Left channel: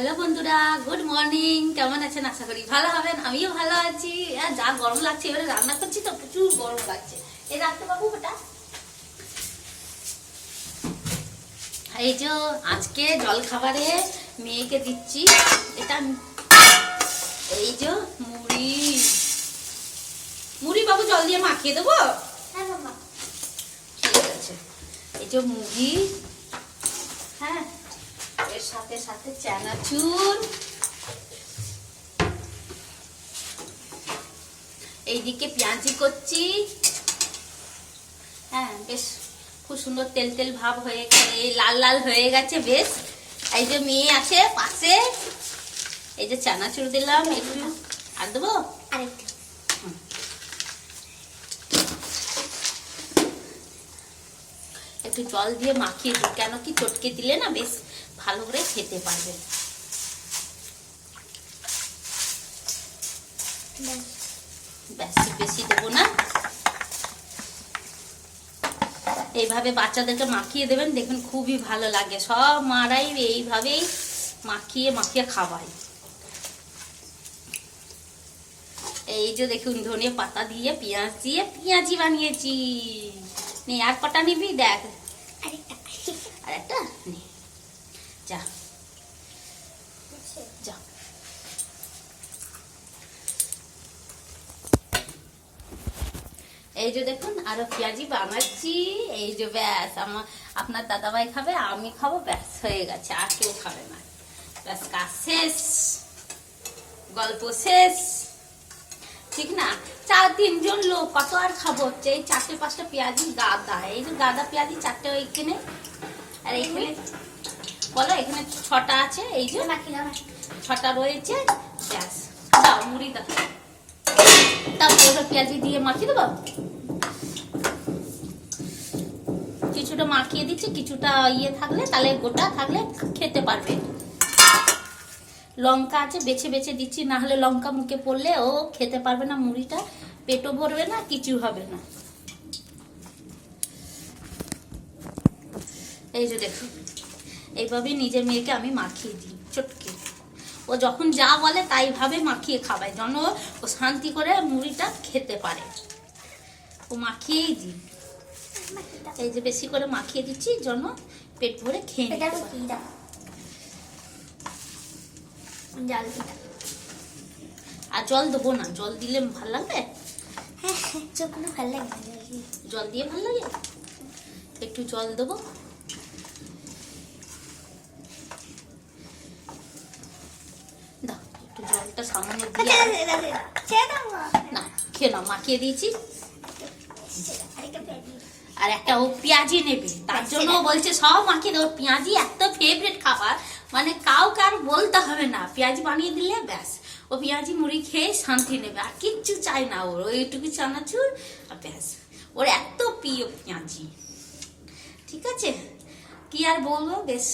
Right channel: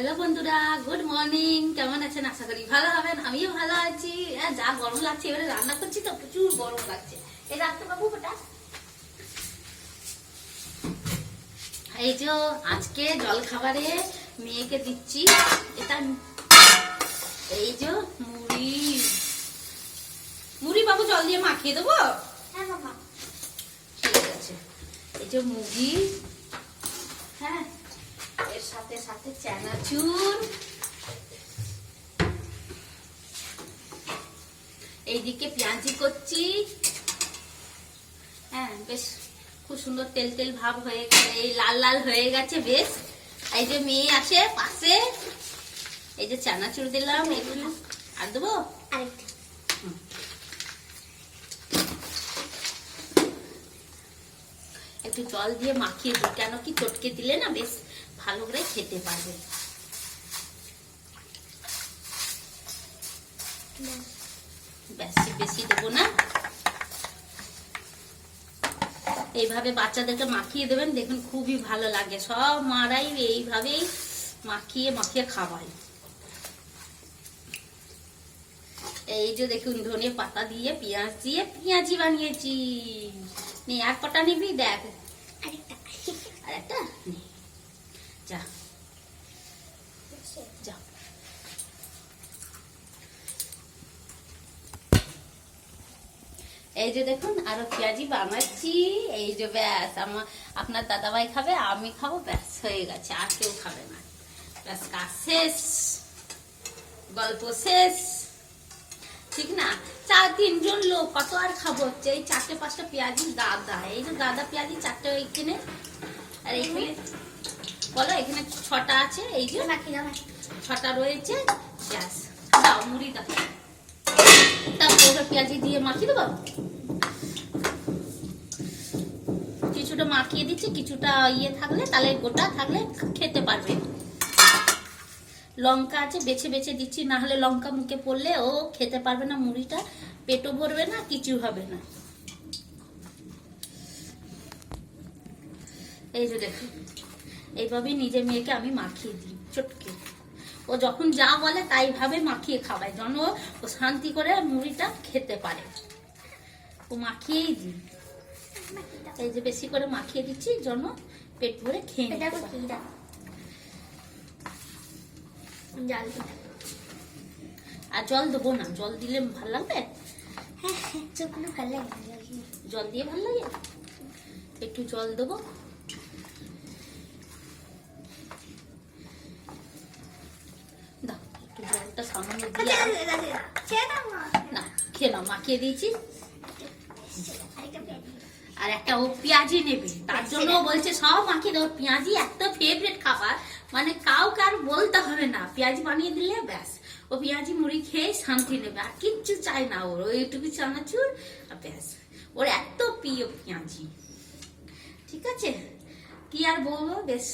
Hello বন্ধুরা, good morning. কেমন আছেন? আশা করি ভালো হবেন। আমিও ভালো আছি। যা গরম লাগছে, এবারে রান্না করছি তো প্রচুর গরম লাগছে। এই রাখতে বাবু ওটা। এই যে আজকে জল খাবারে মেয়েকে দিচ্ছি এটা, এই যে মুড়ি। মুড়ি বাবু জল দিয়ে মাখিয়ে দেবো। ঠিক আছে। এই যে মুড়ি, হ্যাঁ, এর সাথে সাথে চানাচুর, এইদিকে পেঁয়াজি করছি। হ্যাঁ, বেশ খুব সুন্দর তেল তেল ভাব হয়ে গেছে, এই লাল লাল হয়ে গেছে বেশ। এই যে মেয়ে আছে পাশে, এই যে চানাচুর দিলাম একটু, আর দেবো একটু জল দিয়ে মাখিয়ে দিই, কেন কি চটকে দিলে না বেশ ভালো করে খেতে পারবে। বেশি দেবো না। এইভাবে বাচ্চাদেরকে মাখিয়ে দেবেন, দেখুন খুবই ভালো লাগে। সব মারাই এইভাবেই মাখিয়ে মাখিয়ে খাওয়াই। এই যে দেখুন ধনে পাতা দিয়ে পেঁয়াজ দিয়ে পেঁয়াজি বানিয়েছি। নে আর কটা নিবি? দেখ আরেকটা নে, যা যা। এই যে দেখুন আরো পেঁয়াজি বানাচ্ছি। এই যে ব্যাস, আপনার দাদাভাই খাবে, আমি খাবো, ব্যাস হয়ে গেছে, আর কেউ খাবে না। ব্যাস কাজ শেষ, গল্প শেষ, ঠিক না? 4-3 জন লোক, কত আর খাবো? এই 4-5টা পেঁয়াজি গাদা, এই যে গাদা পেঁয়াজি 4টে ওইখানে, আর এইখানে বলো এখানে 6টা আছে, এই যে 6টা রয়েছে। ব্যাস দাও মুড়ি দাও, তারপরে পেঁয়াজি দিয়ে মাখিয়ে দেবো। কিছুটা মাখিয়ে দিচ্ছি, কিছুটা ইয়ে থাকলে, তাহলে গোটা থাকলে খেতে পারবে। লঙ্কা আছে বেছে বেছে দিচ্ছি, না হলে লঙ্কা মুখে পড়লে ও খেতে পারবে না, মুড়িটা পেটও ভরবে না, কিছু হবে না। এই যে দেখুন এইভাবে নিজের মেয়েকে আমি মাখিয়ে দিই চটকে। ও যখন যা বলে তাই ভাবে মাখিয়ে খাওয়াই, যেন ও শান্তি করে মুড়িটা খেতে পারে। ও মাখিয়েই দিই, এই যে বেশি করে মাখিয়ে দিচ্ছি যেন পেট ভরে খেয়ে নিতে পারে। আর জল দেবো না, জল দিলে ভালো লাগবে। ভালো লাগে, জল দিয়ে ভালো লাগে, একটু জল দেবো। দাও একটু জলটা সামান্য দিয়ে, না খেয়ে নাও, মাখিয়ে দিয়েছি। আর একটা ও পেঁয়াজি নেবে, তার জন্য বলছে সব মাখিয়ে দেবো। পেঁয়াজি এত ফেভারিট খাবার, মানে কাউকে আর বলতে হবে না, পেঁয়াজি বানিয়ে দিলে ব্যাস ও পেঁয়াজি মুড়ি খেয়ে শান্তি নেবে, আর কিচ্ছু চাই না ওর। ওইটুকু চানাচুর আর ব্যাস, ওর এত প্রিয় পেঁয়াজি। ঠিক আছে, কি আর বলবো, বেশ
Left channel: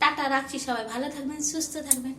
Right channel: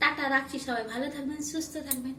টাটা রাখছি। সবাই ভালো থাকবেন, সুস্থ থাকবেন।